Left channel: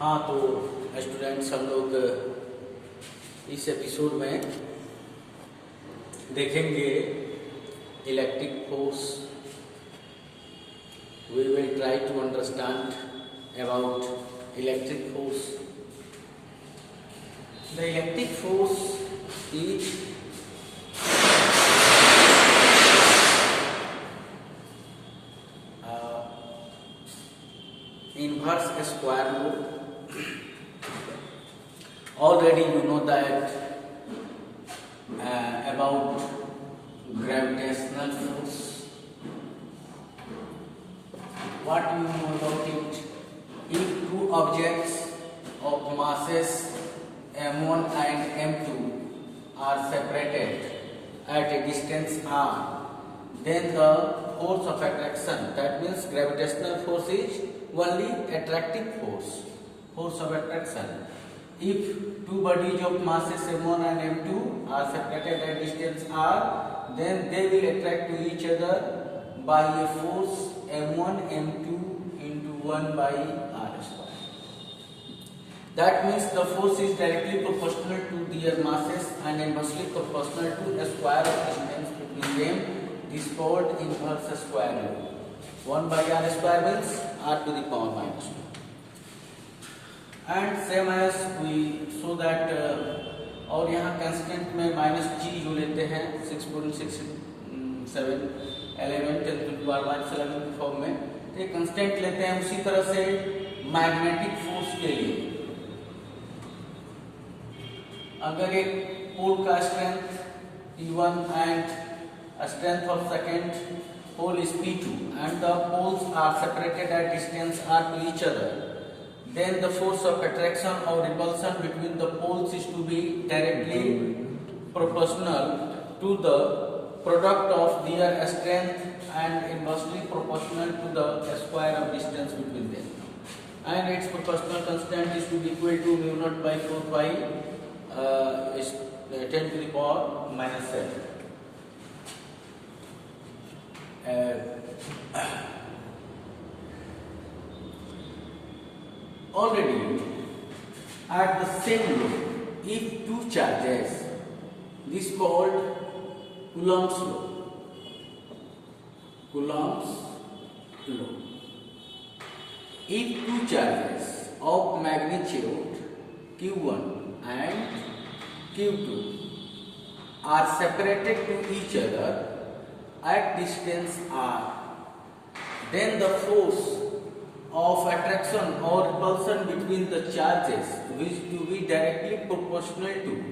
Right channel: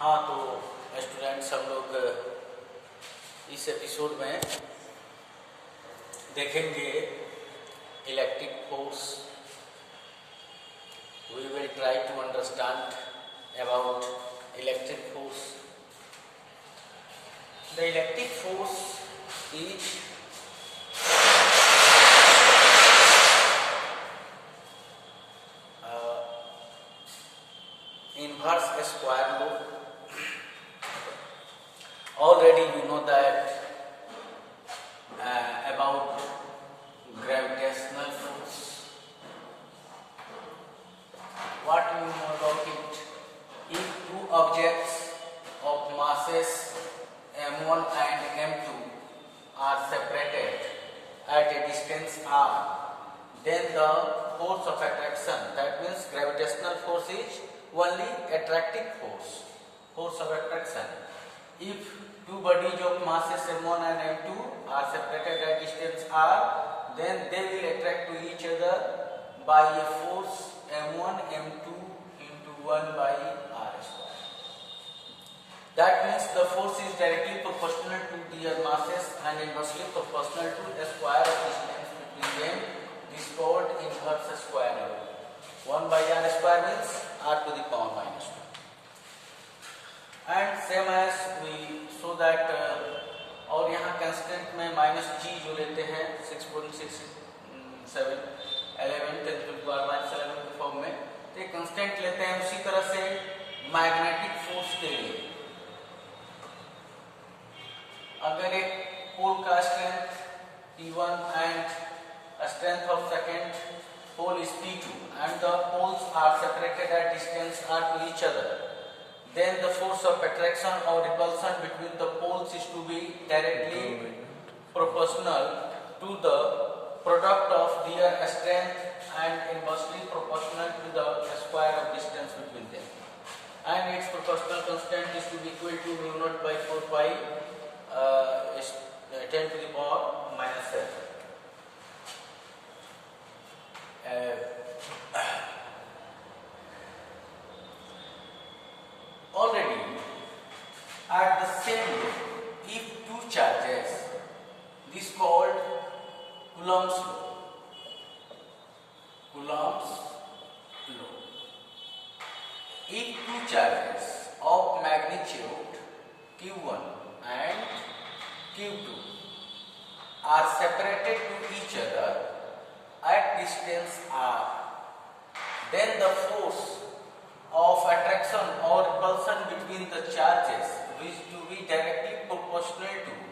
हाँ, तो स्टूडेंट्स हम लोग इस एपिसोड में देखेंगे electric force. We will try to understand about electric force. The electric force is inverse square law. Already you know that about gravitational force. What you know about it? If two objects of masses m1 and m2 are separated at a distance r, then the force of attraction, that means gravitational force, is only attractive force of attraction. If two bodies of masses m1 and m2 are separated at distance r, then they will attract to each other by a force m1 m2 into 1 by r square. That means the force is directly proportional to their masses and inversely proportional to the square of distance between them. This is called inverse square law. 1 by r square means r to the power minus 2. And same as we saw that और यहाँ constant में minus जी जो लेते हैं 6.67 11 10 to the power minus 11 के form में, तो एक कंस्टेंट लेते हैं. उसी तरह से मैग्नेटिक फोर्स के लिए अगर एक पोल का strength P1 and strength of second pole is P2 and the poles are separated at distance r to each other, then the force of attraction or repulsion between the poles is to be directly proportional to the product of their strength and inversely proportional to the square of distance between them. And its proportional constant is to be equal to mu naught by 4 pi 10 to the power minus 7. Already at the same way, if two charges, this called Coulomb's law. Coulomb's law. If two charges of magnitude q1 and q2 are separated to each other at distance r, then the force of attraction or repulsion between the charges is to be directly proportional to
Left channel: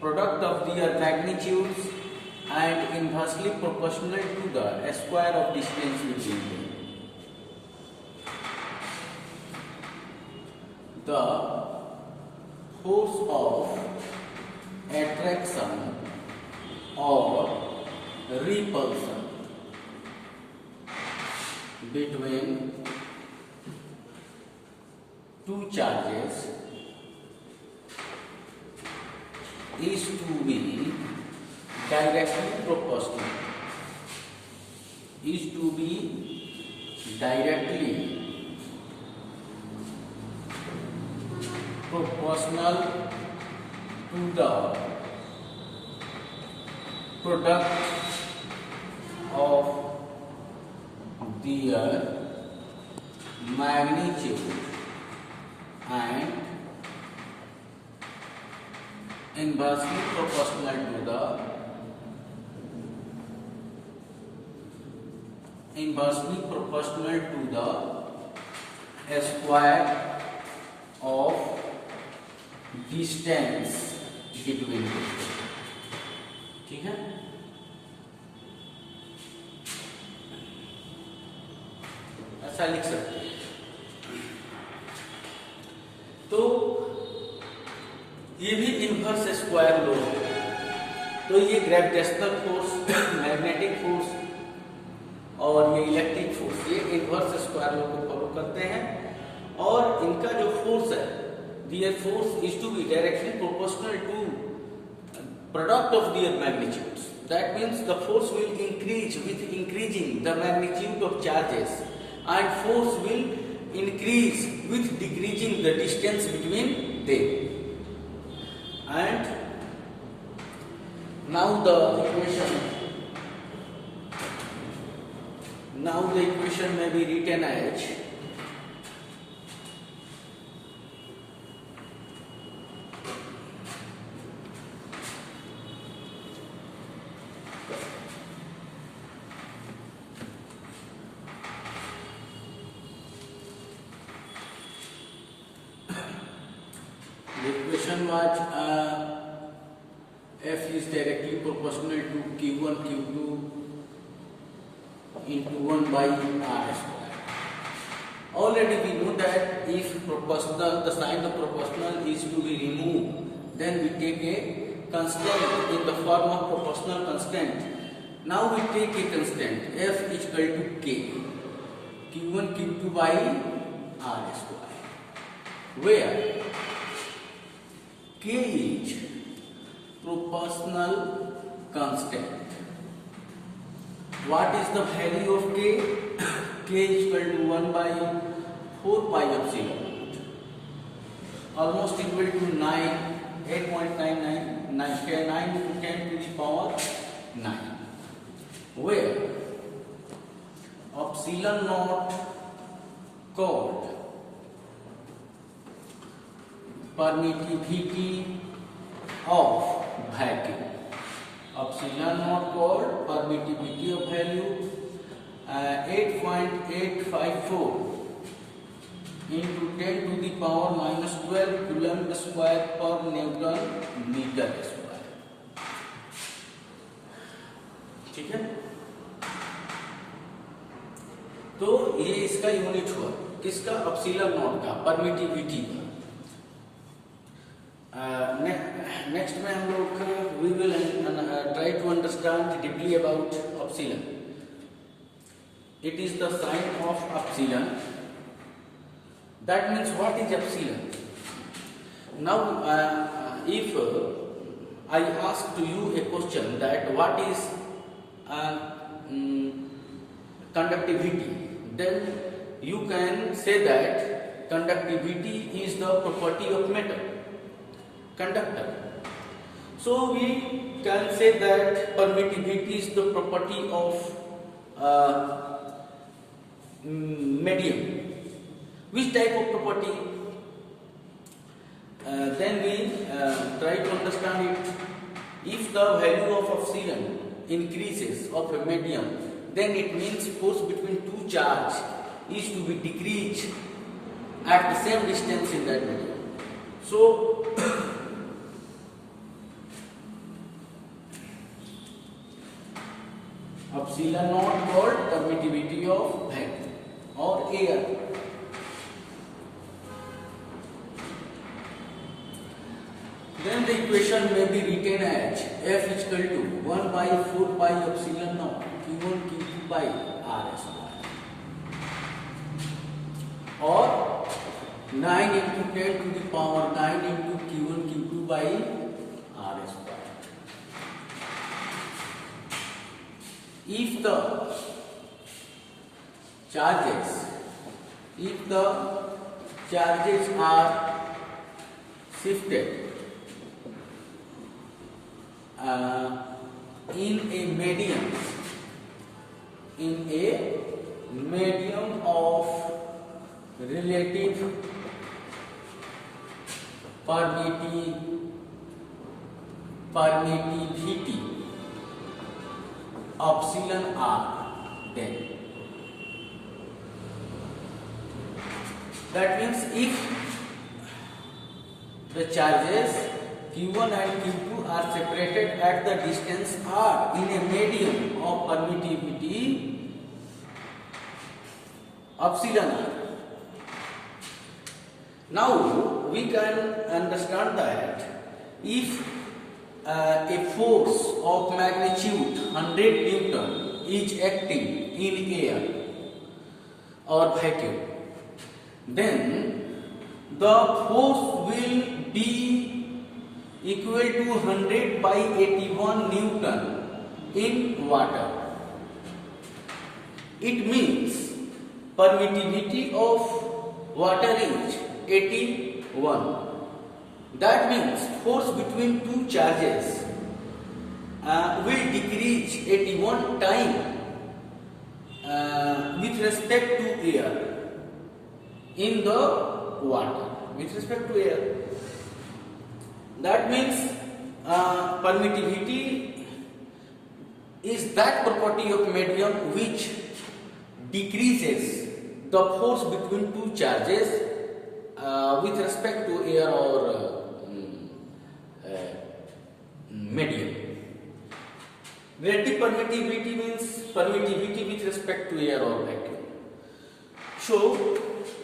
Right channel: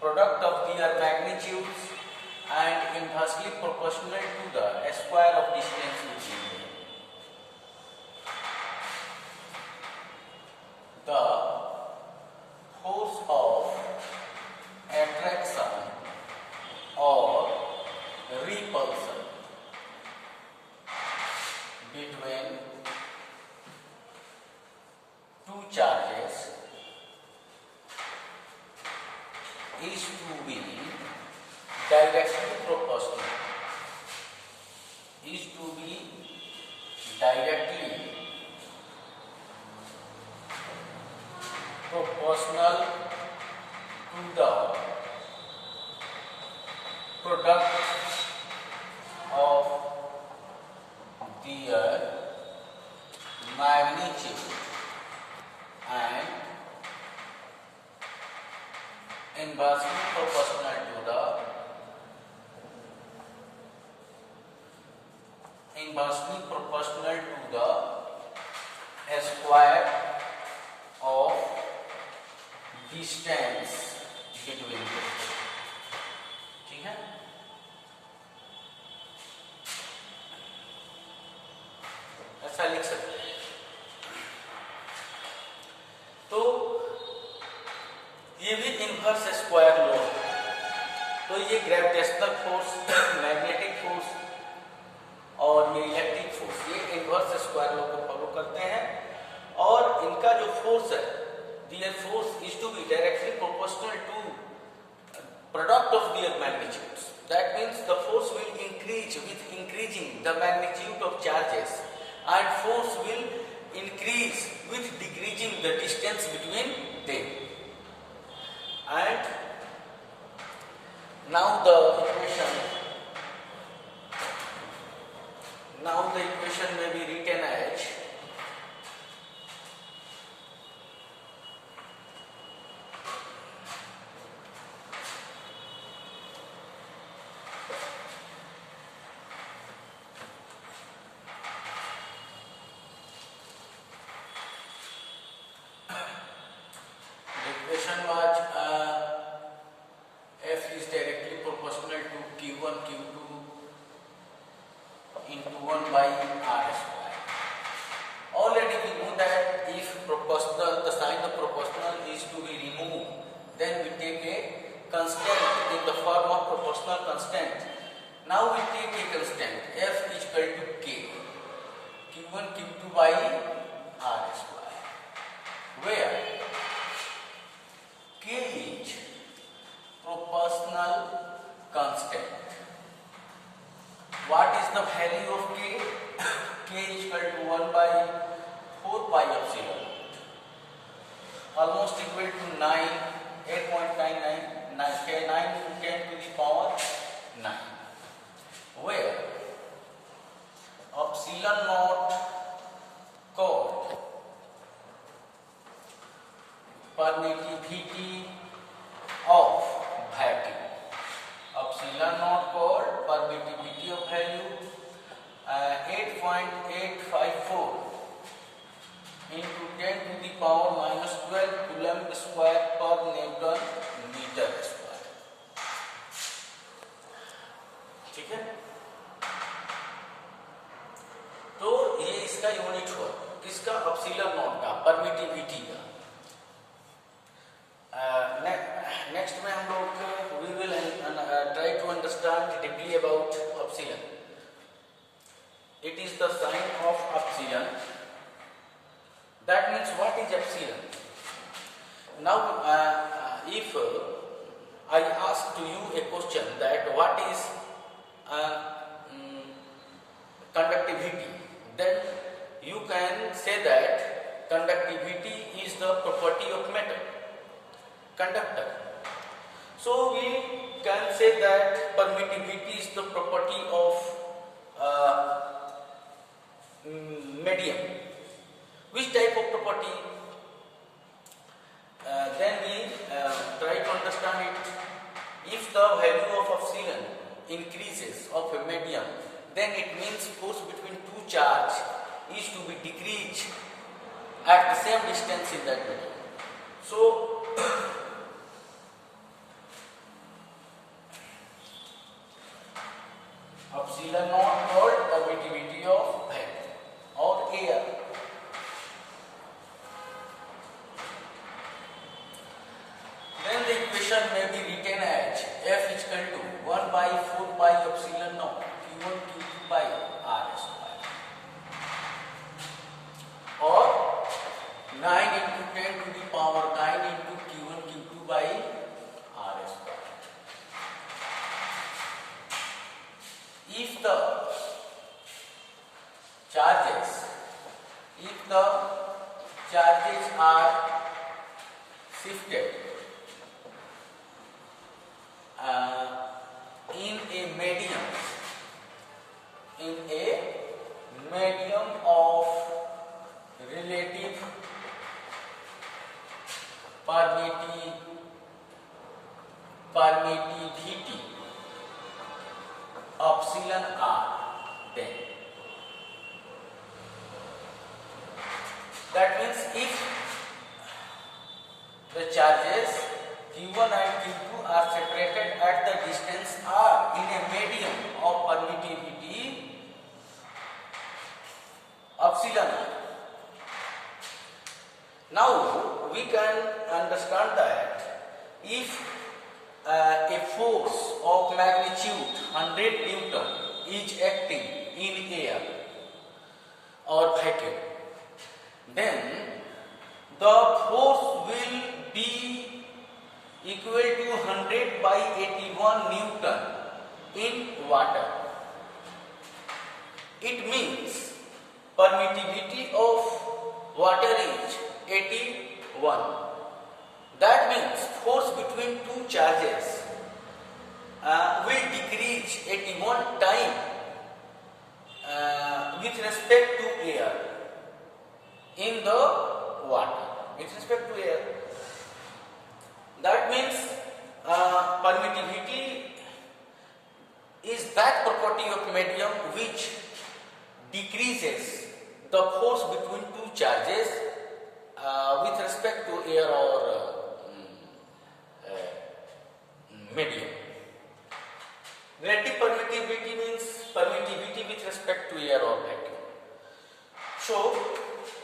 product of their magnitudes and inversely proportional to the square of distance between them. The force of attraction or repulsion between two charges is to be directly proportional. Is to be directly proportional to the product of their magnitude and inversely proportional to the square of distance between them. ठीक है, ऐसा लिख सकते हैं. तो ये भी inverse square law है. तो ये ग्रेविटेशनल फोर्स, मैग्नेटिक फोर्स और ये इलेक्ट्रिक फोर्स, ये इनवर्स स्क्वायर लॉ को फॉलो करते हैं. और इनका जो फोर्स है, their force is to be directly proportional to product of their magnitudes. That means the force will increase with increasing the magnitude of charges, and force will increase with decreasing the distance between them. And now the equation may be written as F is directly proportional to Q1 Q2 into 1 by R square. Already we know that if the sign of proportional is to be removed, then we take a constant in the form of proportional constant. Now we take a constant F is equal to K, Q1 Q2 by R square, where K is proportional constant. What is the value of K? K is equal to 1 by 4 pi epsilon, almost equal to 8.999, 9 into 10 to the power 9, where epsilon naught called permittivity of vacuum. Epsilon naught called permittivity of value 8.854 into 10 to the power minus 12 coulomb square per Newton meter square. ठीक है, तो ये इसका unit हुआ किसका? Epsilon not का, permittivity का। Next में हम लोग we will try to understand deeply about epsilon. It is the sign of epsilon. That means what is epsilon? Now, if I ask to you a question that what is conductivity, then you can say that conductivity is the property of metal, conductor. So we can say that permittivity is the property of medium. Which type of property? Then we try to understand it. If the value of epsilon increases of a medium, then it means force between two charges is to be decreased at the same distance in that medium. So epsilon naught called permittivity of vacuum or air. Then the equation may be written as F is equal to 1 by 4 pi epsilon naught Q1 Q2 by R square, or 9 into 10 to the power 9 into Q1 Q2 by R square. If the charges are shifted in a medium of relative permittivity epsilon r, then that means if the charges Q1 and Q2 are separated at the distance r in a medium of permittivity epsilon r. Now we can understand that if a force of magnitude 100 Newton is acting in air or vacuum, then the force will be equal to 100 by 81 Newton in water. It means permittivity of water is 81. That means force between two charges will decrease 81 time with respect to air in the water, with respect to air. That means permittivity is that property of medium which decreases the force between two charges with respect to air or medium. Relative permittivity means permittivity with respect to air or vacuum. So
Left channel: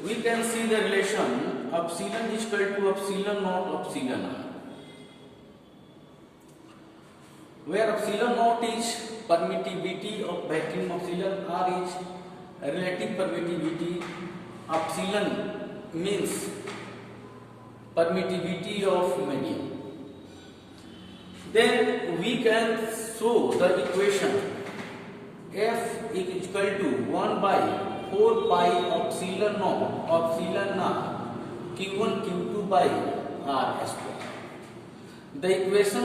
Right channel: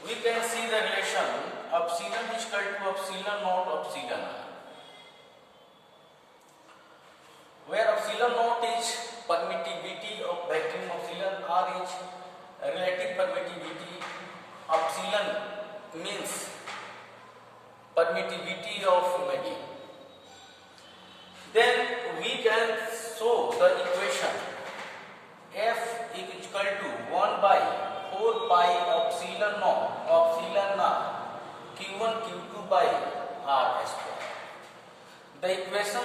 we can see the relation epsilon is equal to epsilon naught epsilon r, where epsilon naught is permittivity of vacuum, epsilon r is relative permittivity, epsilon means permittivity of medium. Then we can show the equation F is equal to 1 by 4 pi epsilon naught epsilon r q1 q2 by r square. The equation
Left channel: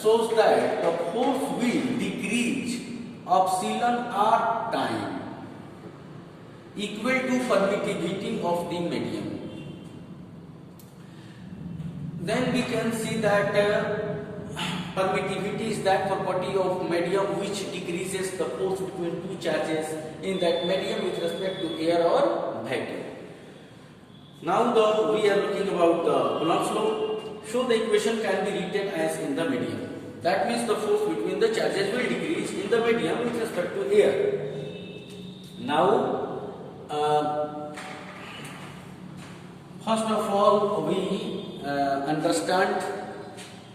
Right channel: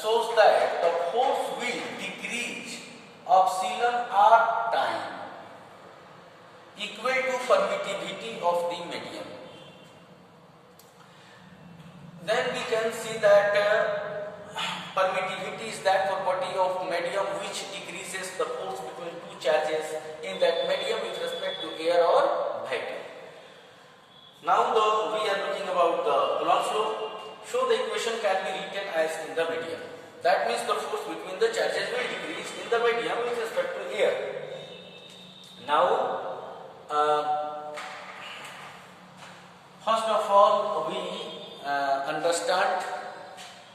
shows that the force will decrease epsilon r time equal to permittivity of the medium. Then we can see that permittivity is that property of medium which decreases the force between two charges in that medium with respect to air or vacuum. Now we are looking about the Coulomb's law. So the equation can be written as in the medium. That means the force between the charges will decrease in the medium with respect to air. Now first of all we understand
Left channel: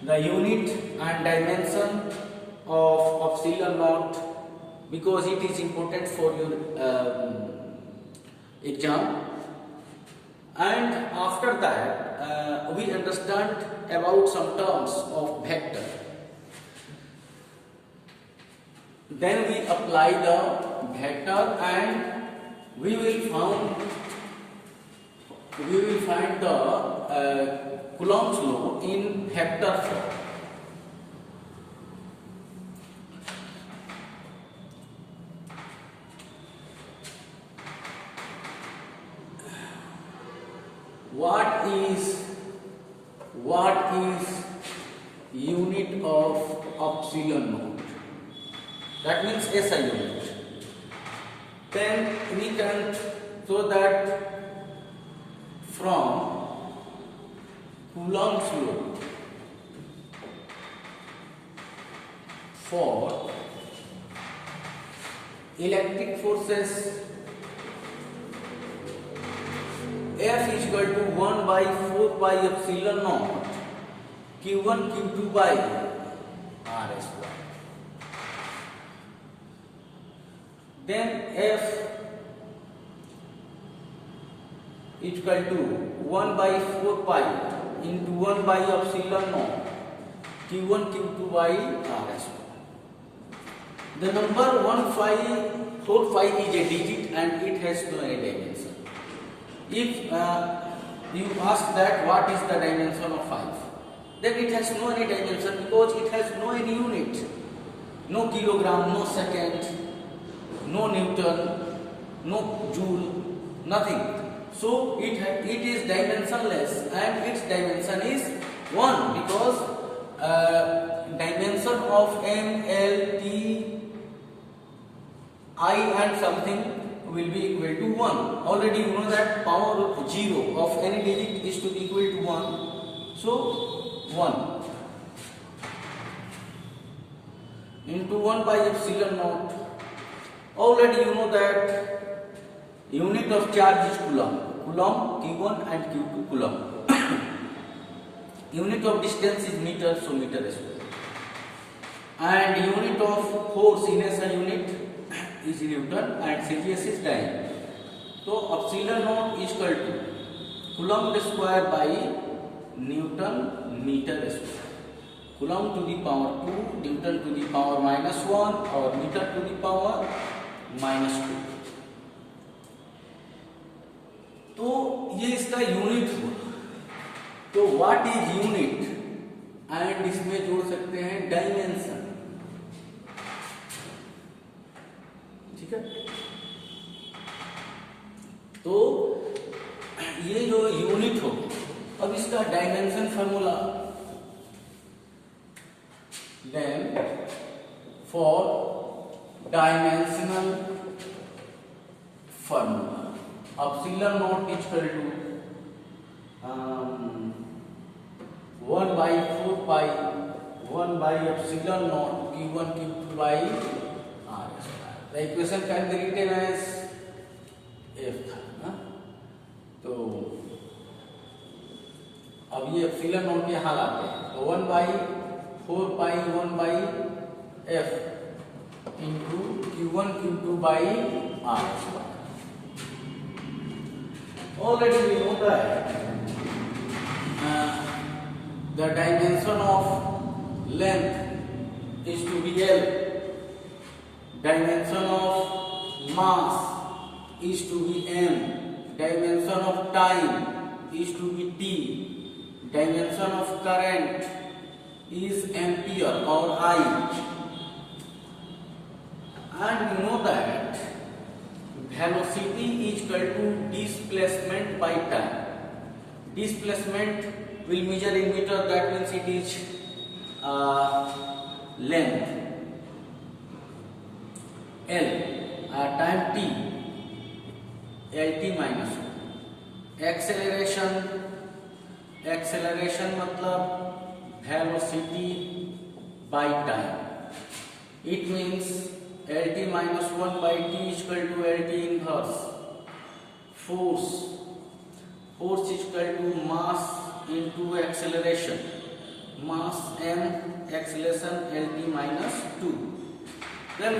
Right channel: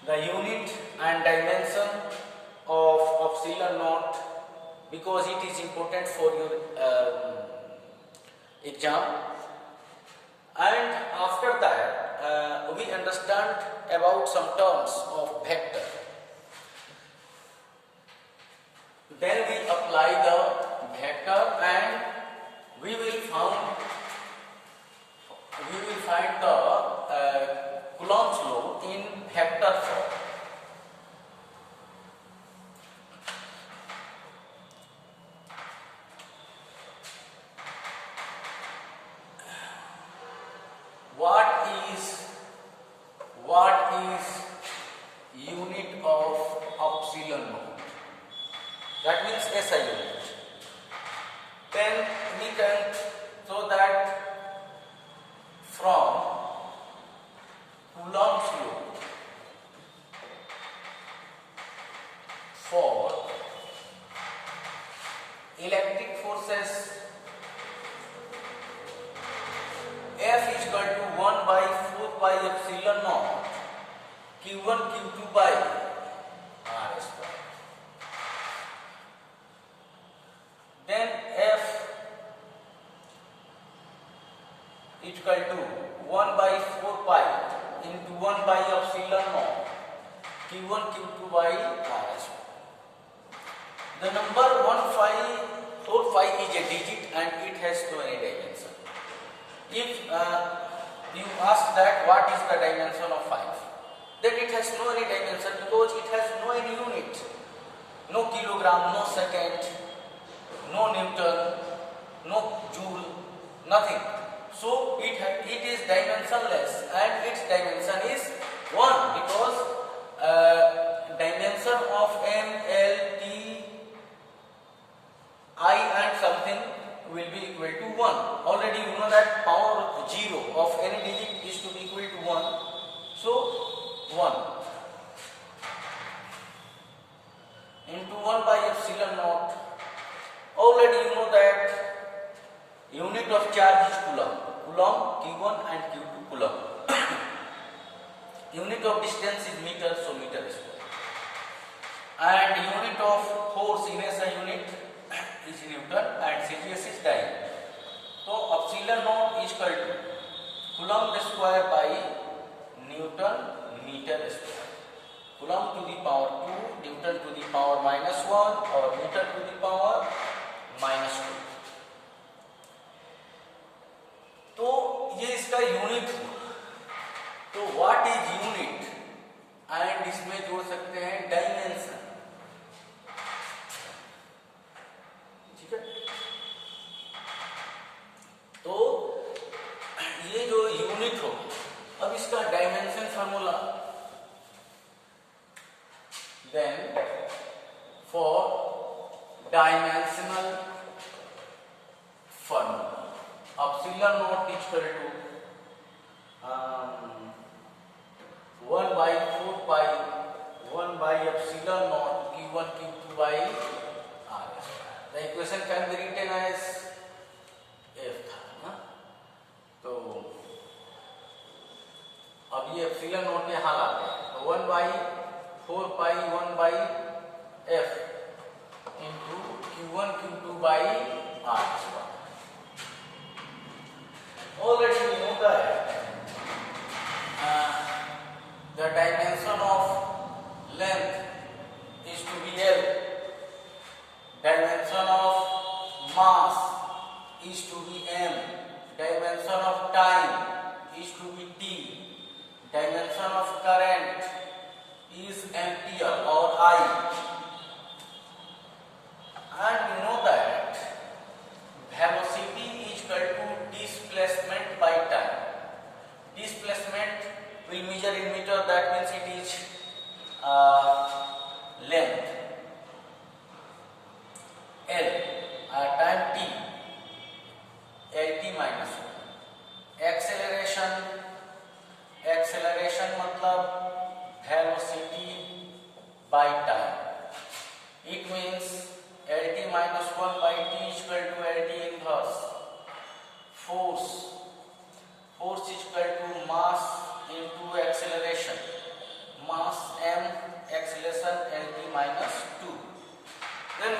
the unit and dimension of epsilon naught because it is important for your exam, and after that we understand about some terms of vector. Then we apply the vector and we will find the Coulomb's law in vector form. What is unit of epsilon naught? That means SI unit. Then we can show that from Coulomb's law for electric forces, F is equal to 1 by 4 pi epsilon naught q1 q2 by r square. Then F is equal to 1 by 4 pi into 1 by epsilon naught q1 q2 by r square. The number 145 is a digit and it has no any dimension. If you ask that what is the dimension of 5, then it has no any dimension because it has no any unit, no kilogram, no second, no Newton, no joule, nothing. So it is dimensionless and its dimension is 1 because dimension of m, l, t, I and something will be equal to 1. Already you know that power 0 of any digit is to be equal to 1. So 1 into 1 by epsilon naught. Already you know that unit of charge is coulomb. Coulomb q1 and q2 coulomb. Unit of distance is meter, so meter square. And unit of force in SI unit is Newton and CGS is time. So epsilon naught is equal to Coulomb square by Newton meter square. Coulomb to the power 2, Newton to the power minus 1 or meter to the power minus 2. तो ये इसका unit हुआ। तो what is unit, and इसमें जोड़ सकते हैं dimension. ठीक है, तो ये जो यूनिट हो, अब इसका dimension formula, then for dimensional formula epsilon not equal to 1 by 4 pi 1 by epsilon naught q1 q2 by r square. The equation can be written as f था ना। तो अब ये एप्सिलॉन नॉट यहाँ लाते हैं, तो 1 by 4 pi 1 by f into q1 q2 by r square. Already we know that the dimension of length is to be L, dimension of mass is to be m, dimension of time is to be t, dimension of current is ampere or I, and we know that velocity is equal to displacement by time. Displacement will measure in meter, that means it is length L, time t, Lt minus 1. Acceleration मतलब velocity by time. It means Lt minus 1 by t is equal to Lt inverse. Force is equal to mass into acceleration. Mass m, acceleration Lt minus 2. Then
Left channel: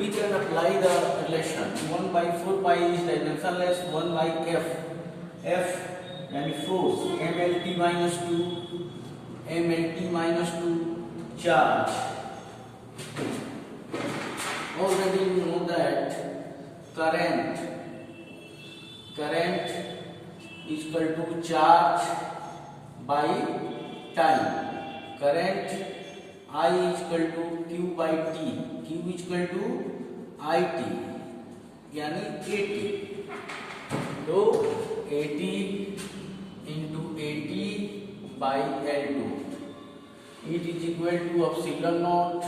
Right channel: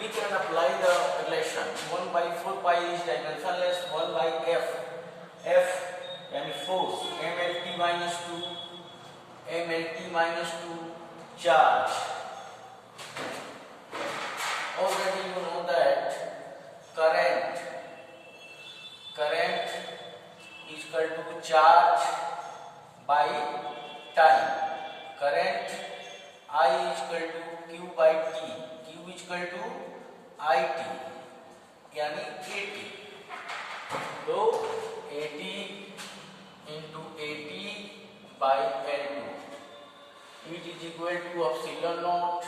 we can apply the relation. 1 by 4 pi is dimensionless. 1 by f yani force mlt minus 2 charge. Already you know that current is equal to charge by time. Current I is equal to q by t. Q is equal to it यानी at. तो at into at by L2. It is equal to epsilon naught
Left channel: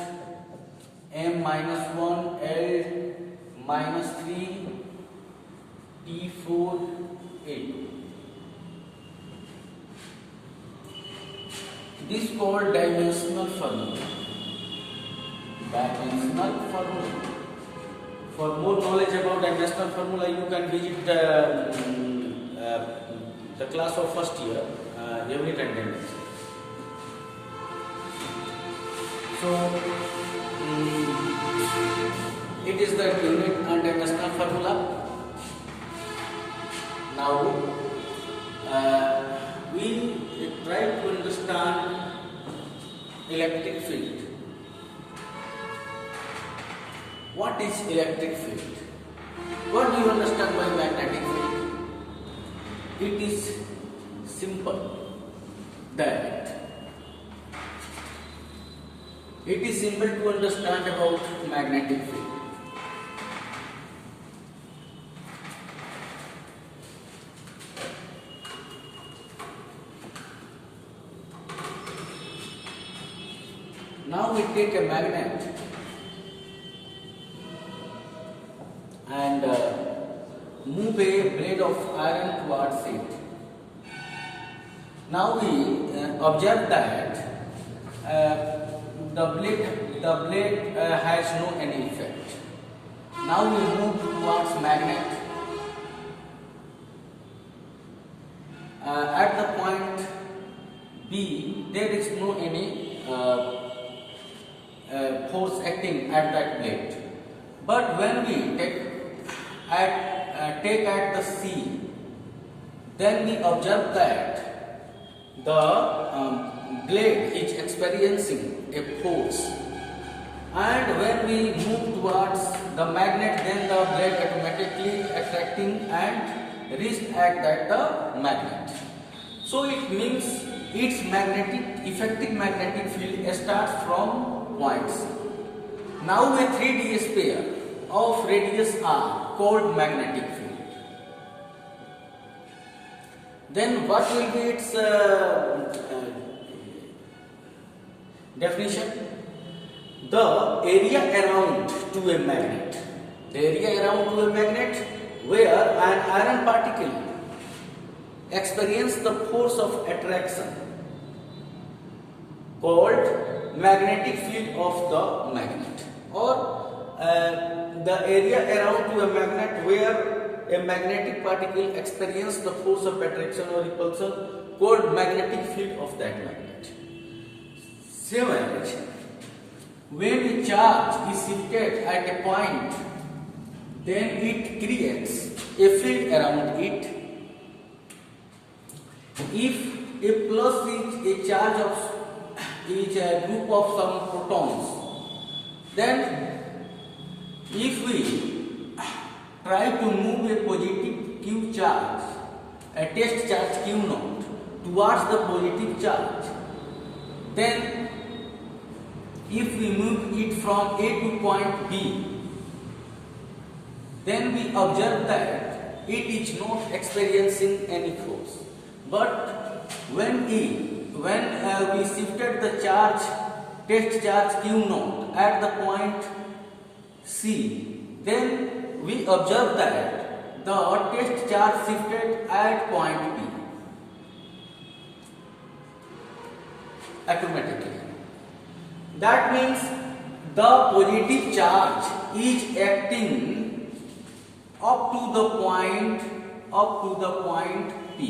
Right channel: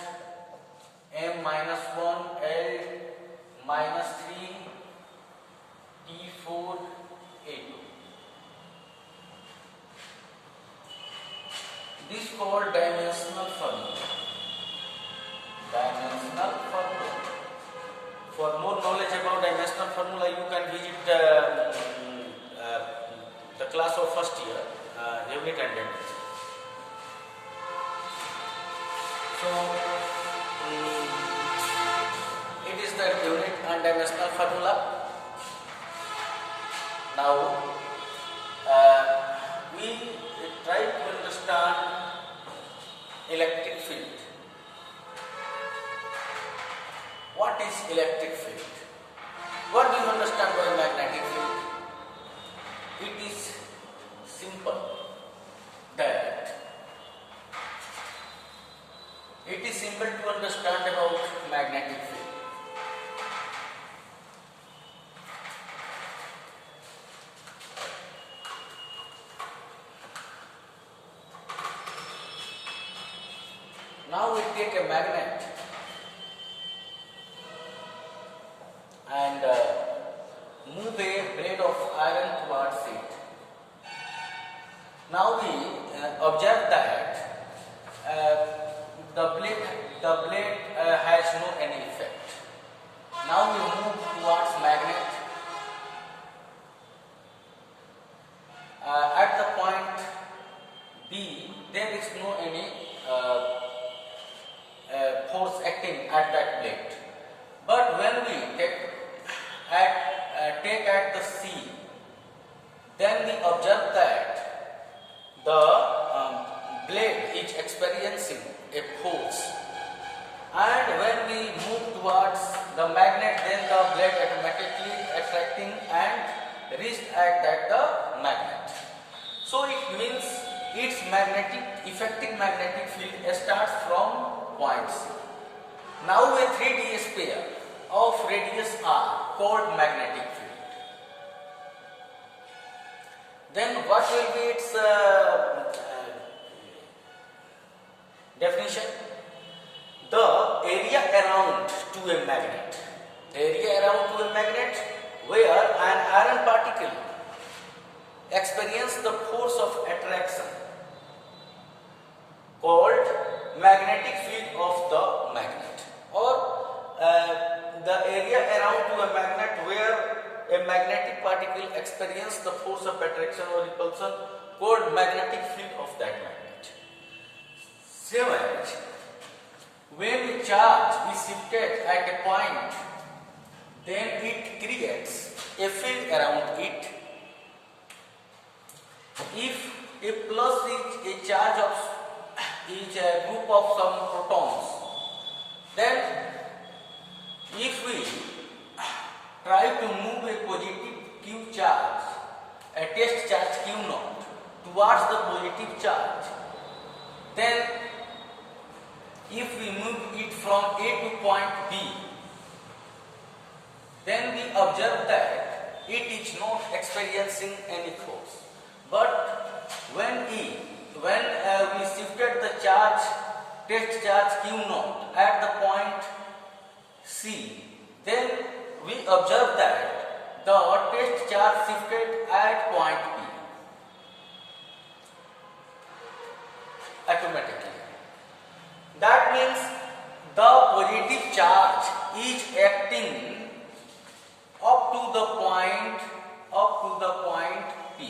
m minus 1 L minus 3 T4 A2. This called dimensional formula. Dimensional formula. For more knowledge about dimensional formula, you can visit the class of first year, unit and tendency. So it is the unit and dimensional formula. Now we try to understand electric field. What is electric field? What do you understand by magnetic field? It is simple that it is simple to understand about magnetic field. Now we take a magnet and move a blade of iron towards it. Now we observe that the blade has no any effect. Now we move towards magnet. At the point B, there is no any force acting at that blade. But when we take at the C, then we observe that the blade is experiencing a force, and when we move towards the magnet, then the blade automatically attracting and reached at that the magnet. So it means its effective magnetic field starts from point C. Now a 3D sphere of radius r called magnetic field. Then what will be its definition? The area around to a magnet. The area around to a magnet where an iron particle experiences the force of attraction called magnetic field of the magnet, or the area around to a magnet where a magnetic particle experiences the force of attraction or repulsion called magnetic field of that magnet. Same as when a charge is shifted at a point, then it creates a field around it. If a plus is a charge of is a group of some protons, then if we try to move a positive Q charge, a test charge Q naught, towards the positive charge, then if we move it from A to point B, then we observe that it is not experiencing any force. But when we shifted the charge, test charge Q naught at the point C, then we observe that the test charge shifted at point P automatically. That means the positive charge is acting up to the point P.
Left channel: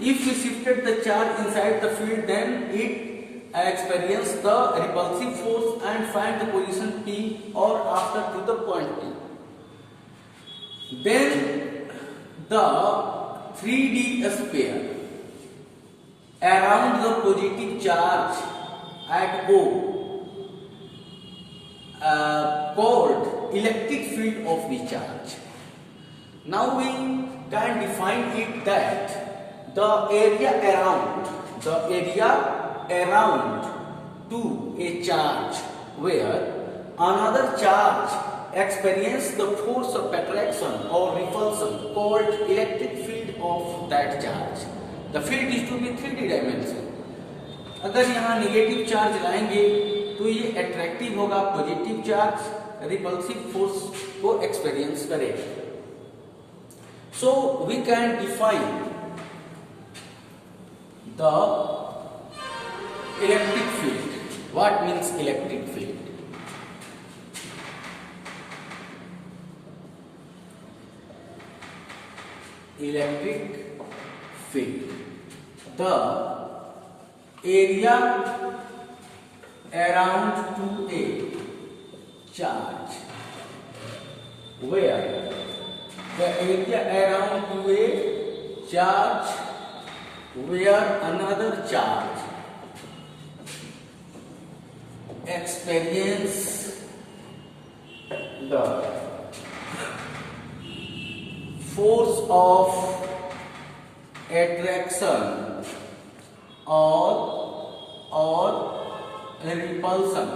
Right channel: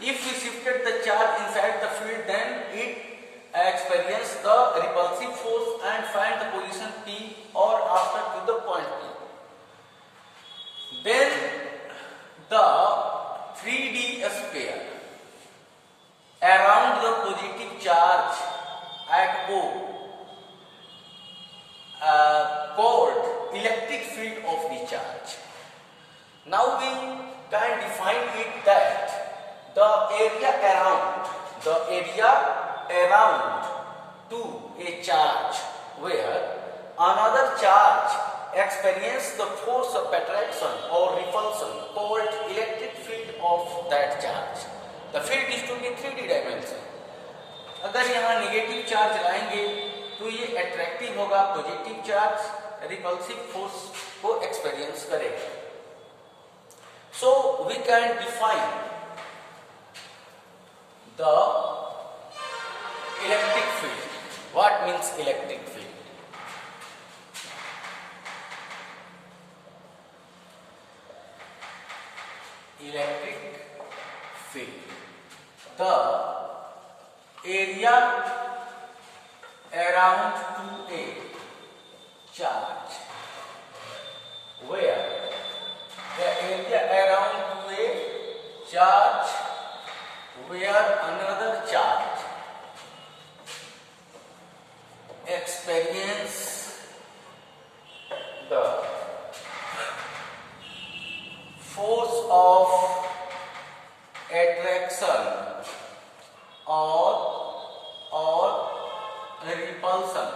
If we shifted the charge inside the field, then it experiences the repulsive force and find the position P or after to the point P. Then the 3D sphere around the positive charge at O called electric field of the charge. Now we can define it that the area around to a charge where another charge experiences the force of attraction or repulsion called electric field of that charge. The field is to be 3D dimension. अगर यहाँ negative charge लाएंगे तो ये attractive होगा, positive charge repulsive force को experience करेगा. So we can define the electric field. What means electric field? Electric field, the area around to a charge where the area around to a charge where another charge experience the force of attraction or repulsion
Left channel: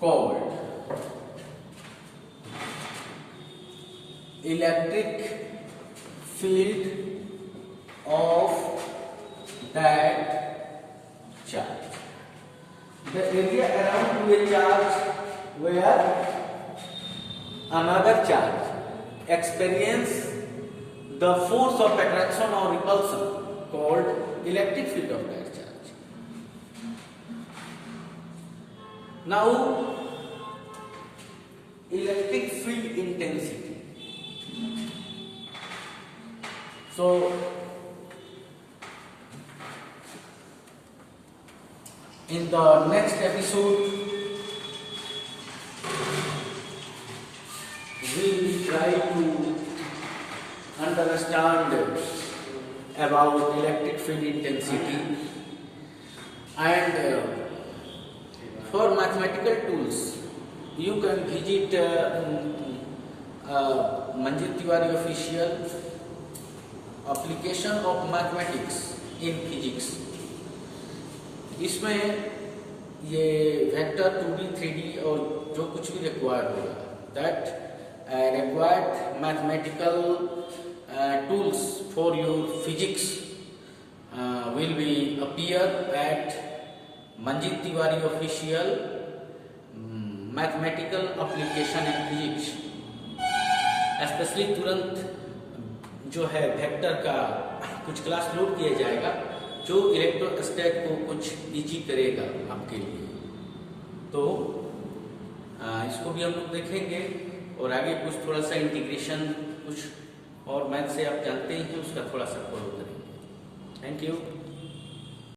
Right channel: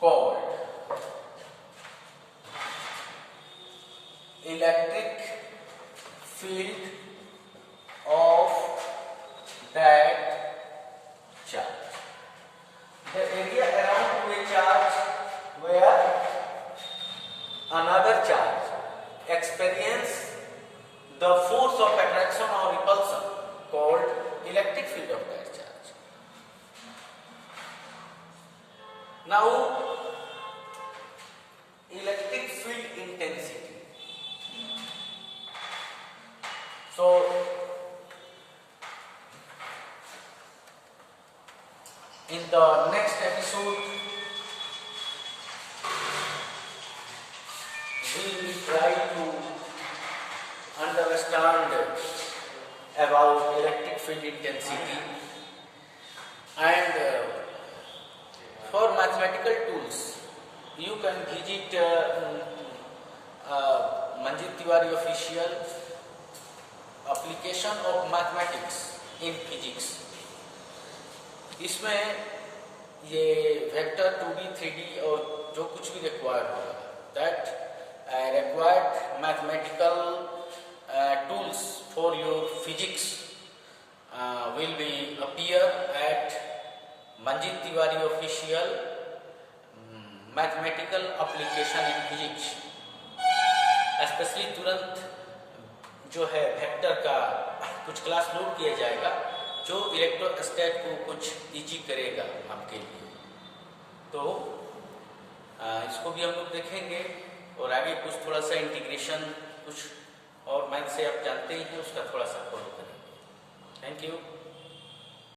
called electric field of that charge. The area around to a charge where another charge experience the force of attraction or repulsion called electric field of that charge. Now, electric field intensity. So, in the next episode, we will try to understand about electric field intensity and for mathematical tools, you can visit Manjit Tiwari official application of mathematics in physics. इसमें ये vector 2D 3D और जो कुछ भी required होगा, that required mathematical tools for your physics will be appear at Manjit Tiwari official mathematical application in physics. Specially तुरंत जो है वेक्टर का कुछ क्लास लोड किया जाएगा जो इलेक्ट्रोस्टैट को कुछ इजी करेगा आपके लिए। तो इसको भी हम लोग देखेंगे और आगे कुछ थोड़ा सा इंटीग्रेशन कुछ और मैथ से आप जानते ही हैं उसका थोड़ा सा फॉलो करेंगे। Thank you.